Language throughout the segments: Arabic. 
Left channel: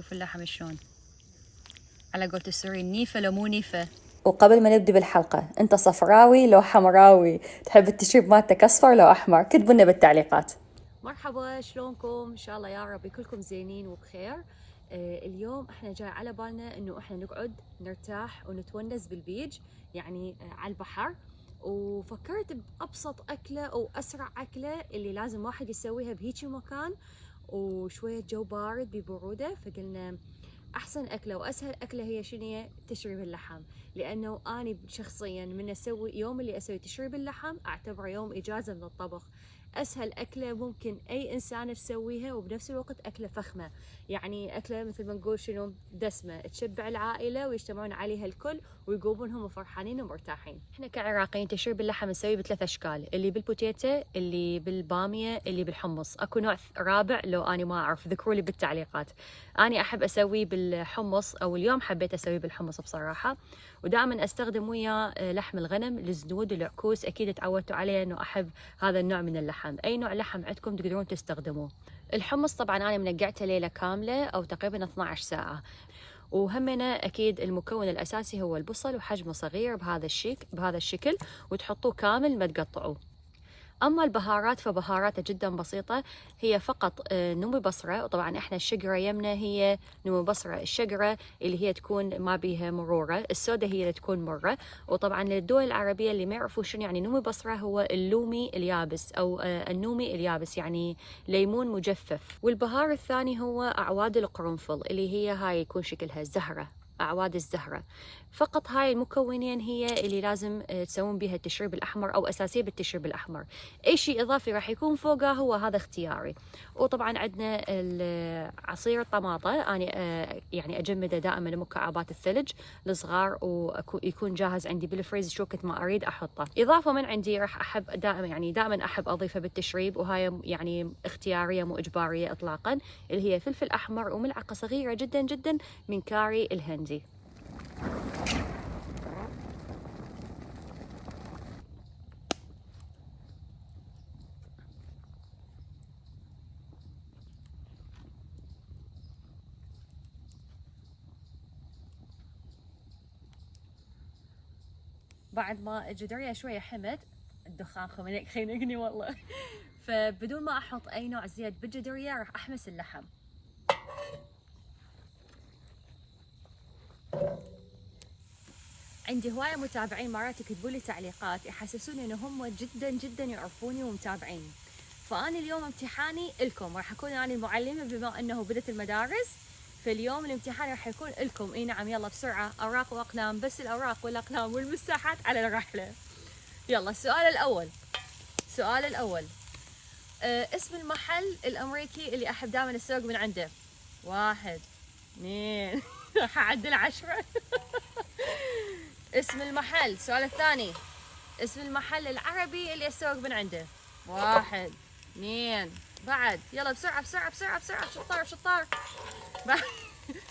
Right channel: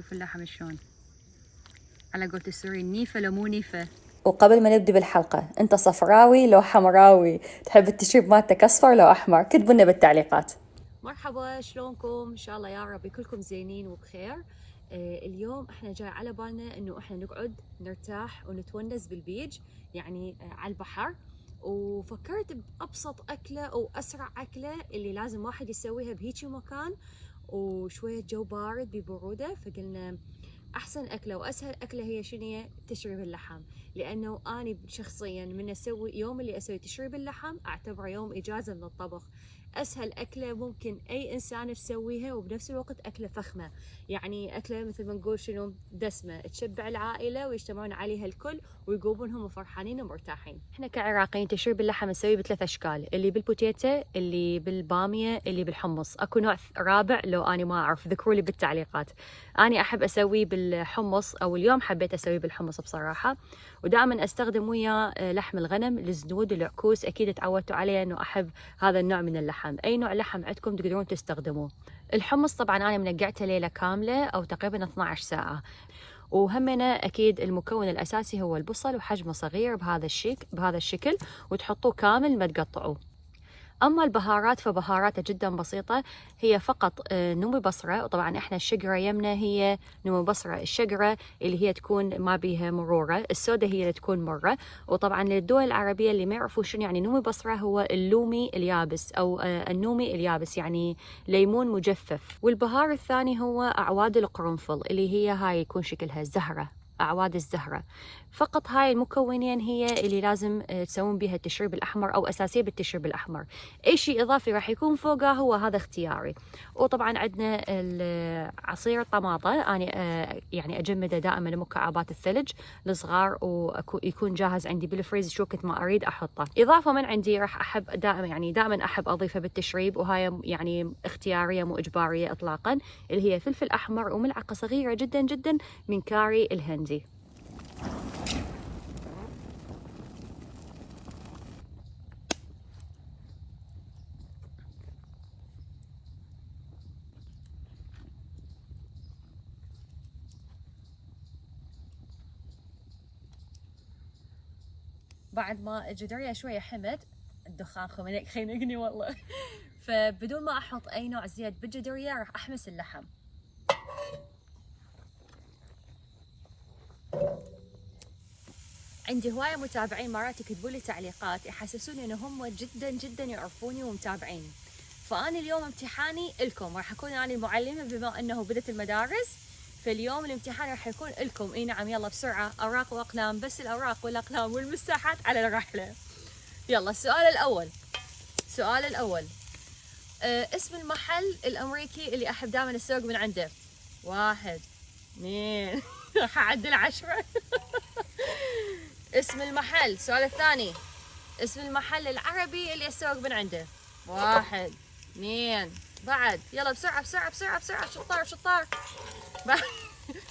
شوفوا اللحم شلون، على قولة السوري نيفة لو مو نيفة. وقبل ما نبدي بالحلقة، انت صفراوي لو حمراوي؟ تحب التشريب مالتك اصفر لو احمر؟ كتبوا لنا بالتعليقات. مرحبا، شلونكم؟ ان شاء الله يا رب كلكم زينين وبخير. اليوم احنا جاي على بالنا انه احنا نقعد نرتاح ونتونس بالبيج، يعني على البحر. وفكرت بأبسط أكلة أو أسرع أكلة اللي لازم واحد يسويها بهيجي مكان وشوية جو بارد ببرودة. فقلنا أحسن أكلة وأسهل أكلة هي شنو؟ هي تشريب اللحم. لأنه أنا شخصيا من أسوي يوم اللي أسوي تشريب اللحم أعتبره يوم إجازة من الطبخ. أسهل أكلة ممكن أي إنسان تسويها، وبنفس الوقت أكلة فخمة، يعني أكلة مثل ما نقول شنو دسمة تشبع العائلة ويجتمعون عليها الكل ويقومون هم فرحانين ومرتاحين. إحنا كعراقيين تشريب اللحم نسويه بثلاث أشكال، اللي بالبوتيتا، اللي بالبامية، اللي بالحمص. أكو نوع رابع لو أنا ما أعرف ذكروا لي بالتعليقات. أنا أحب أسويه بالحمص، أو اليوم حبيت أسويه بالحمص بصراحة. ودائما أستخدم وياه لحم الغنم، الزنود، العكوس. أكيد تعودتوا عليه أنه أحب هذا النوع من اللحم. أي نوع لحم عندكم تقدرون تستخدموه. الحمص طبعا أنا منقعته ليلة كاملة أو تقريبا 12 ساعة. وهمنا أكيد المكون الأساسي هو البصل، وحجمه صغير بهذا الشكل، وتحطوه كامل ما تقطعوه. أما البهارات فبهاراتها جدا بسيطة، هي فقط نومي بصرة. وطبعا إحنا الشقرة يمنا هي نومي بصرة، الشقرة اللي هي تكون ما بيها مرورة، السودة هي اللي تكون مرة. وطبعا للدول العربية اللي ما يعرفوا شنو يعني نومي بصرة، هو اللومي اليابس أو النومي اليابس، يعني ليمون مجفف. والبهار الثاني هو أعواد القرنفل، اللي هي هاي يكون شكلها زهرة، أعواد الزهرة. فقط هاي المكونين هي اللي لازم تسوون بها التشريب الأحمر، أو أساسية بالتشريب الأحمر. أي شيء إضافي راح يكون فوقه هو هذا اختياري. وطبعا عندنا عصير الطماطة، أنا يعني أجمده دائما لمكعبات الثلج الصغار، ويكون جاهز عندي بالفريز شو وقت ما أريد أحطه. إضافة من عندي راح أحب دائما أحب أضيفه بالتشريب، وهاي يعني اختيارية مو إجبارية إطلاقا، اللي هي فلفل أحمر وملعقة صغيرة جدا جدا من كاري الهندي. بعد ما الجدرية شوية حمد، الدخان خينقني والله. فبدون ما احط اي نوع زيت بالجدرية راح احمس اللحم. عندي هواية متابعين مرات يكتبوا لي تعليقات يحسسوني ان هم جدا جدا يعرفوني ومتابعيني. فانا اليوم امتحاني الكم، راح اكون انا المعلمة بما انه بدت المدارس. فاليوم الامتحان راح يكون لكم. اي نعم، يلا بسرعة، اوراق واقلام، بس الاوراق والاقلام والمساحات على الرحلة. يلا السؤال الاول. اسم المحل الامريكي اللي احب دائما اسوق من عنده. 1 2 راح اعدل 10. اسم المحل. السؤال الثاني، اسم المحل العربي اللي اسوق من عنده. 1 2 بعد يلا بسرعة بسرعة بسرعة بسرعة، شطار.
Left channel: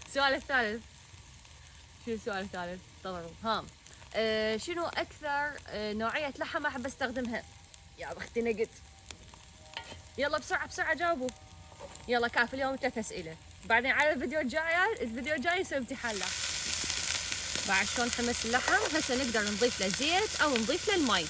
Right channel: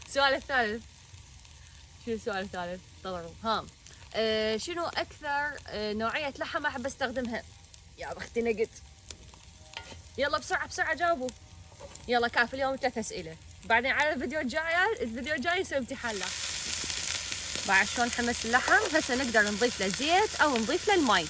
السؤال الثالث. شنو السؤال الثالث؟ انتظروا. ها شنو اكثر نوعية لحم احب استخدمها؟ يا بختي نقد. يلا بسرعة جاوبوا. يلا كافي، اليوم 3 أسئلة. بعدين على الفيديو الجاي نسوي امتحان له. بعد شلون حمس اللحم، هسه نقدر نضيف له زيت أو نضيف له الماء.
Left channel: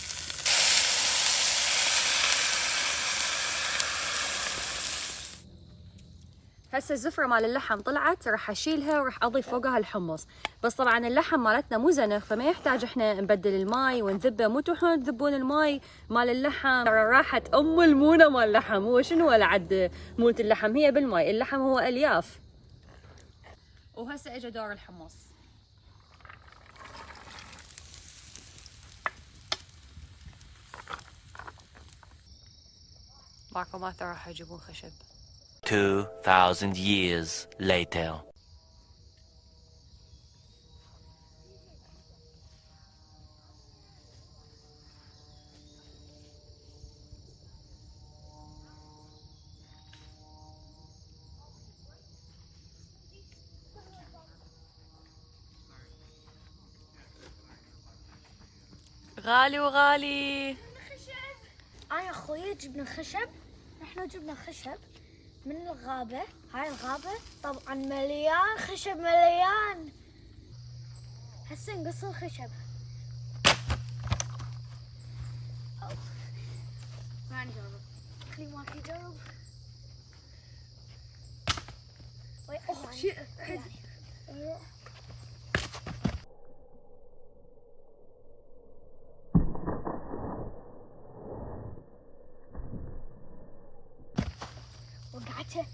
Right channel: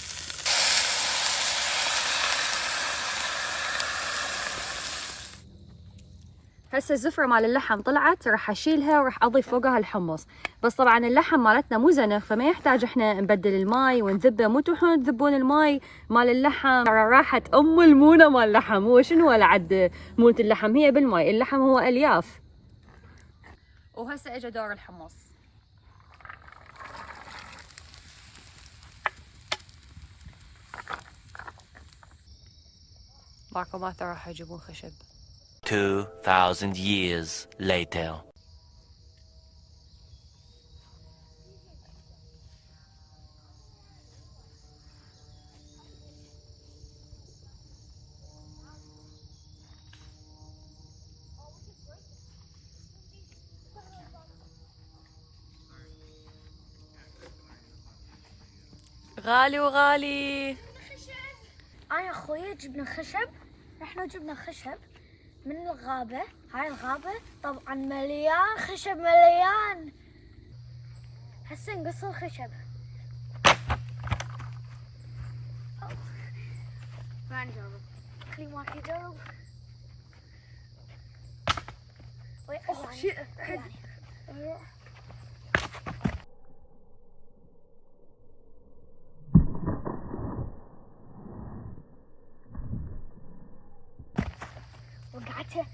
هسه الزفرة مال اللحم طلعت، راح اشيلها وراح اضيف فوقها الحمص. بس طبعا اللحم مالتنا مو زنخ، فما يحتاج احنا نبدل الماي ونذبه. مو تروحون تذبون الماي مال اللحم، راحت ام المونه مال اللحم. هو شنو ولا عد مونه اللحم؟ هي بالماي، اللحم هو الياف. وهسه اجى دور الحمص. باكو راح يجيبون خشب. 2000 years later. غالي وغالي. انا اخوي جبنا خشب، نحن جبنا خشب من الغابة. هاي الغابة طبعا مليان خشب مليان. هسه نقص الخشب. ما نجرب. خلي ماك يجرب. اوه شيء وقعته.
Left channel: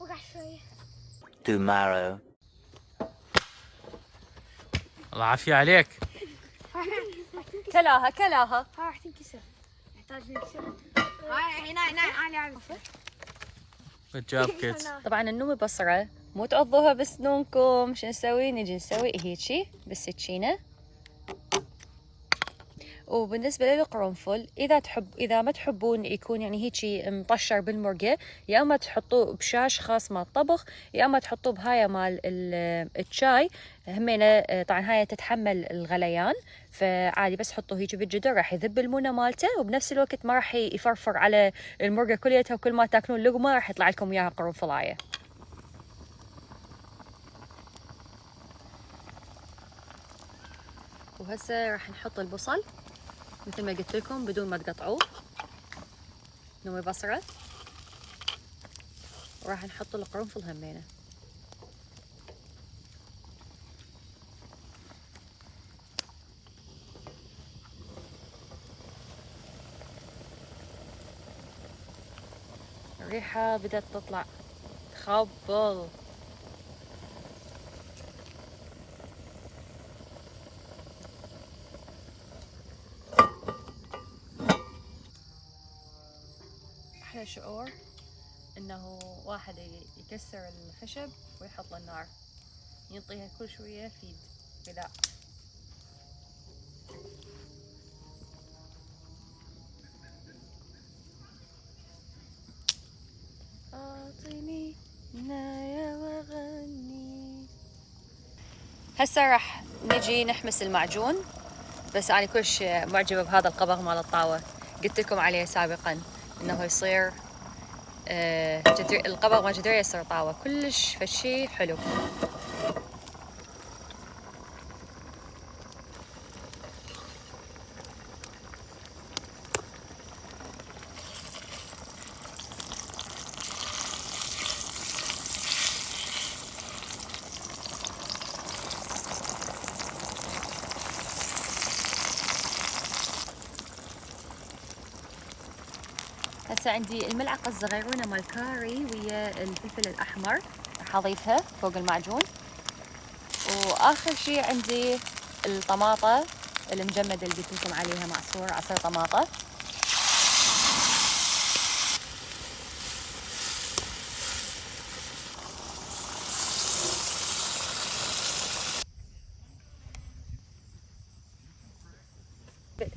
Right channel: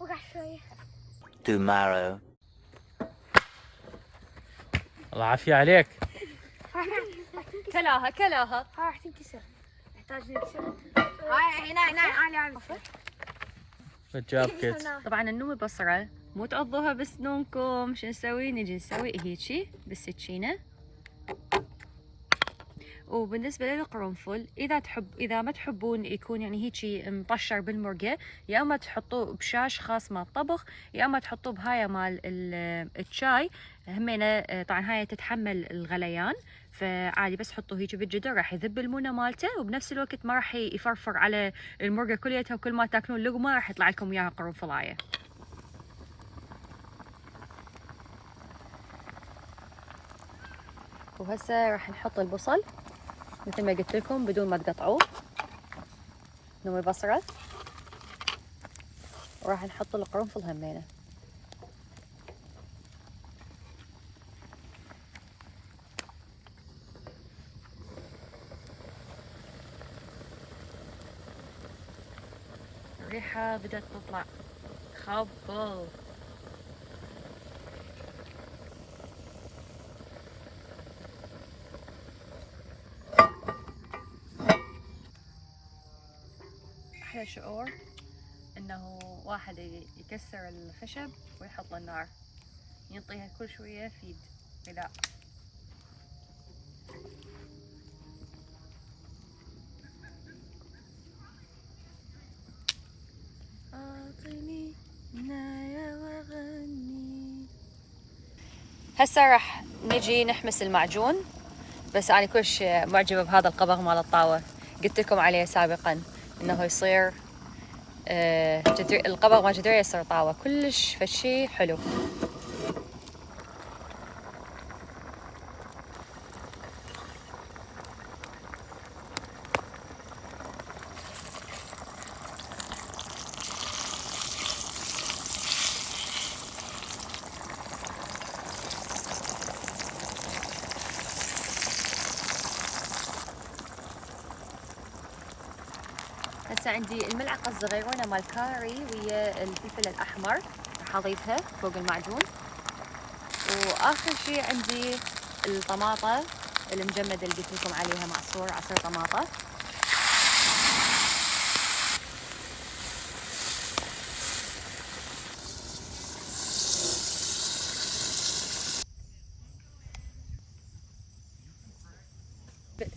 وقع شوية. Tomorrow. الله عافية عليك. كلاها كلاها. هاي راح تنكسر. نحتاج نكسر. هاي هنا انا عارفة. Good job kids. طبعا النوم بصرة مو تعضوها بسنونكم. شو نسوي؟ نجي نسوي هيجي بالسكينة. وبالنسبة للقرنفل إذا ما تحبون يكون يعني هيجي مطشر بالمرقة، يا أما تحطوه بشاش خاص مال الطبخ، يا أما تحطوه بهاي مال الشاي همينة. طبعا هاي تتحمل الغليان، فعادي بس حطوه هيجي بالجدر راح يذب المونة مالته، وبنفس الوقت ما راح يفرفر على المرقة كليتها، وكل ما تاكلون لقمة راح يطلع لكم إياها قرنفلاية. وهسه راح نحط البصل مثل ما قلت لكم بدون ما تقطعوه. نوي بصرة، وراح نحط القرنفل همينه. الريحة بدأت تطلع خبل. أحلى شعور إنه واحد يكسر الخشب ويحط له النار، ينطيها كل شوية فيد غذاء. أعطيني نايا وغني. هسه راح نجي نحمس المعجون، بس أنا كلش معجبة بهذا القبغ مال الطاوة. قلت لكم عليه سابقا إنه يصير القبغ مال جدرية يصير طاوة كلش فشي حلو. هسه عندي الملعقة الصغيرونة مال كاري ويا الفلفل الأحمر راح أضيفها فوق المعجون. وآخر شي عندي الطماطة المجمدة اللي قلت لكم عليها، معصور عصير طماطة.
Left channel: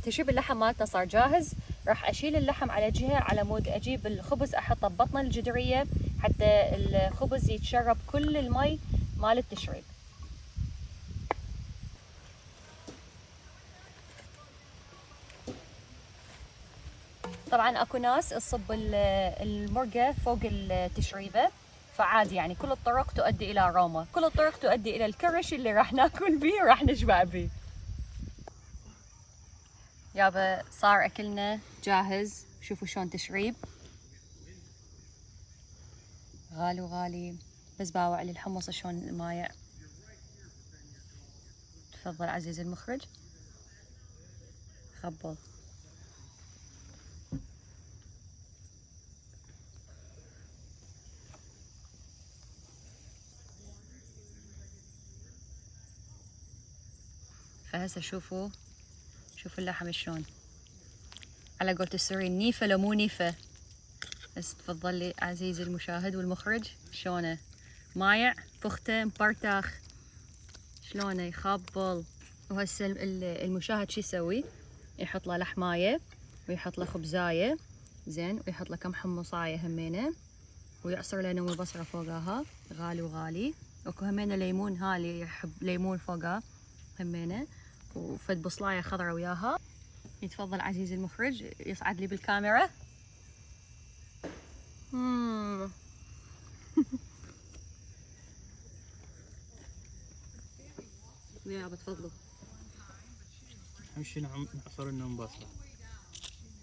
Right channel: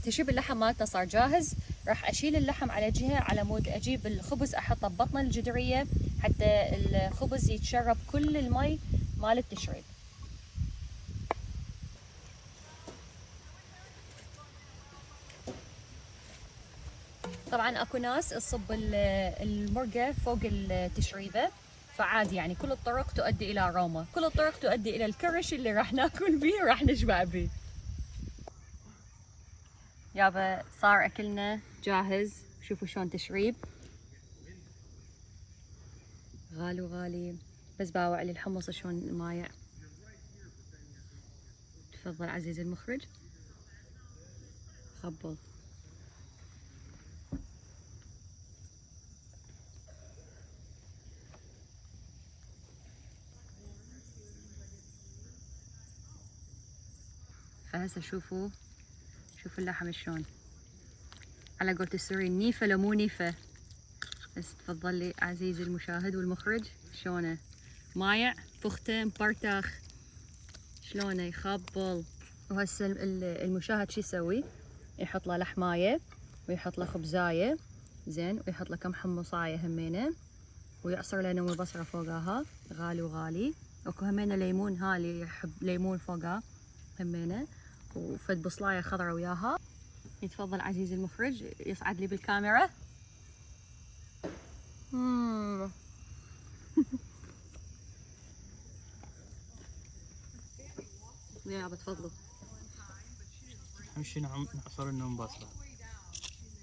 تشوف اللحم مالتنا صار جاهز. راح اشيل اللحم على جهه على مود اجيب الخبز احطه ببطن الجدريه حتى الخبز يتشرب كل المي مال التشريب. طبعا اكو ناس تصب المرقه فوق التشريبه، فعادي يعني كل الطرق تؤدي الى روما، كل الطرق تؤدي الى الكرش اللي راح ناكل بيه راح نشبع بيه. يابا صار اكلنا جاهز. شوفوا شلون تشريب غالي وغالي. بس باوع لي الحمص شلون مايع. تفضل عزيزي المخرج. خبل. فهسه شوفوا اللحم شلون على قولة السوري نيفة لو مو نيفة. بس تفضل لي عزيزي المشاهد والمخرج شلونه مايع فخته مبرتخ شلونه يخبل. وهسه المشاهد شو يسوي؟ يحط له لحمايه ويحط له خبزايه زين، ويحط له كم حمصايه همينه، ويعصر له نوم بصره فوقها غالي وغالي. اكو همينه ليمون، ها اللي يحب ليمون فوقها همينه، وفد بصلايه خضراء وياها. يتفضل عزيزي المخرج يصعد لي بالكاميرا. يا بتفضلوا اهم شيء نعصر النوم بصله.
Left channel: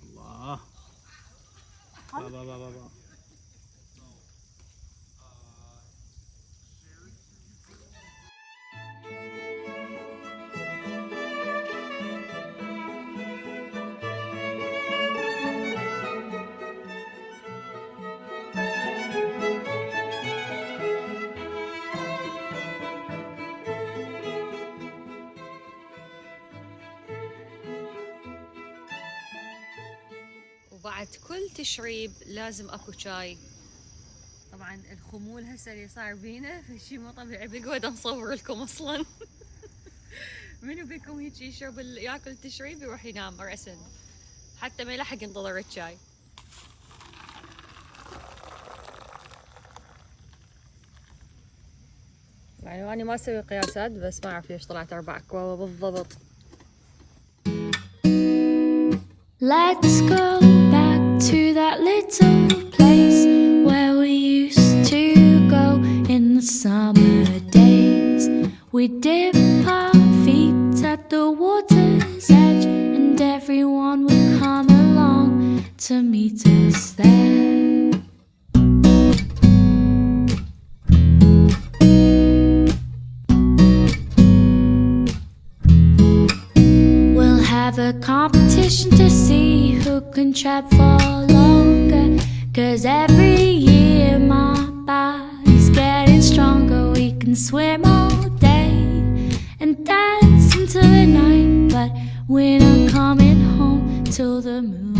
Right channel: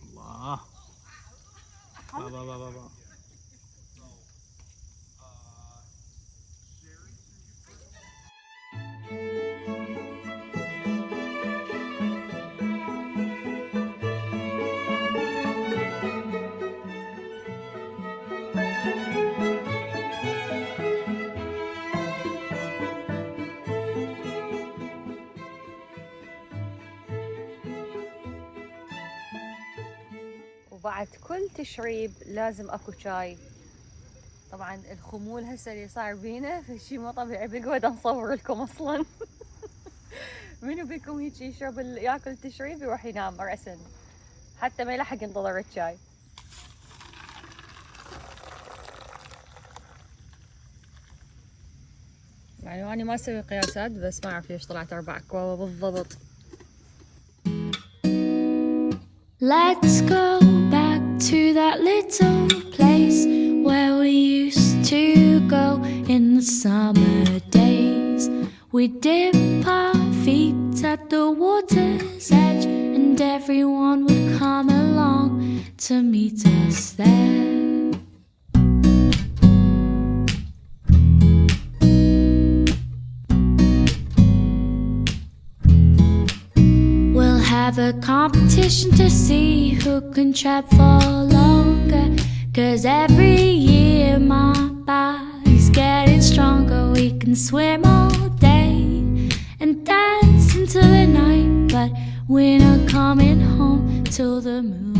الله بابا بابا بابا. وبعد كل تشريب لازم اكو شاي. طبعا الخمول هسه اللي صار بينا فشي مو طبيعي، بقعد نصور لكم اصلا. منو بيكم هيك يشرب ياكل تشريب يروح ينام رأسا حتى ما يلحق ينتظر الشاي. يعني أنا ما أسوي قياسات بس ما أعرف ليش طلعت 4 أكواب بالضبط. Let's go back to that little place where we used to go in the summer days. We'd dip our feet at the water's edge and everyone would come along to meet us there. We'll have a competition to see who can trap for longer, 'cause every year my body's getting stronger. We can swim all day and dance into the night, but we're not coming home till the moon